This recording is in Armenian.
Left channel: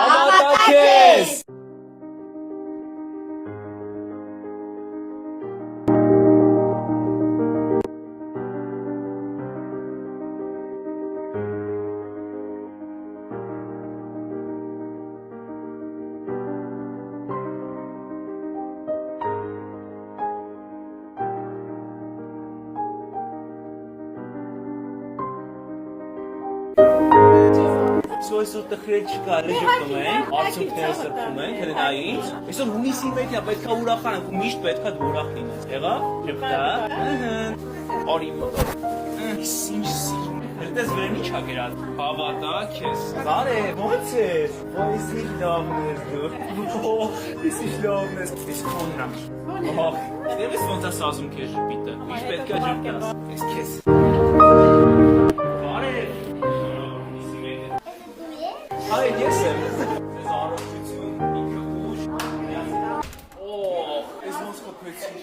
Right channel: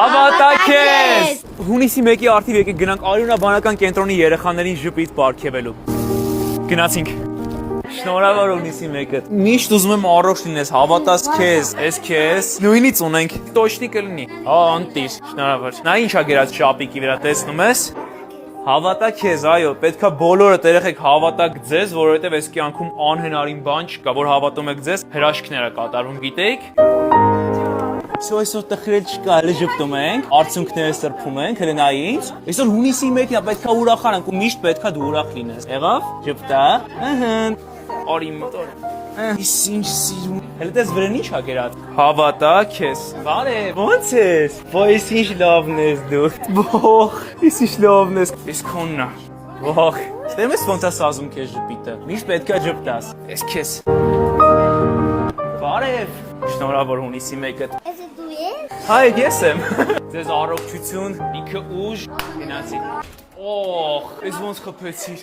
Հավատակես։ Հունիսի 1-ի արդիվ եկեք գնանք Արյունաբանական կենտրոնի երեխաներին ժպիտ պարգևելու։ Գնացինք։ Շնորհավոր հունիսի 1-ը։ Միշտ ուզում եմ առողջ լինես, հավատաս քեզ, ես քեզ։ Նույնից ունենք, տոչնի կլինի։ Անտիր, շնորհավոր։ Նա ինչա գրած շապիկի վրա, տեսնում ես։ Հավատա քեզ, այո, պետքա բոլորդ երեխեք հավատաք ձեզ, որովհետև այս կյանքում անհնարին բան չկա, որ հավատում եք ձեզ, հրաշքներ է կատարվում, գիտեիք։ Այսօր տխրել չկա, հələ ժպտում ենք, արցունքները սրբում ենք, հələ նայի ինձ։ Այսօր հունիսի 1-ն է, պետքա ուրախանանք ու միշտ պետքա դու ուրախ լինես։ Եղավ։ Ժպտա։ Արի մտոր։ Ինչ սիրուն։ Հələ դες վրան ի՞նչ ա գրած։ Հավատա քեզ։ Բարև, ո՞նց ես։ Ոյ, ինչ լավն ես դու։ Բող, ինչ լավն ես։ Էս քոնն է։ Բող։ Դեմ ես ոնց է սազում քեզ ժպիտը։ Միշտ պետքա ժպտաս։ Էս քեզ։ Բարև։ Շնորհավոր հունիսի 1-ը։ Հայ, ես եմ։ Ձեզ առողջություն, ինքը ուժ, գնացի։ Օհ, ես ոնց խփեցի։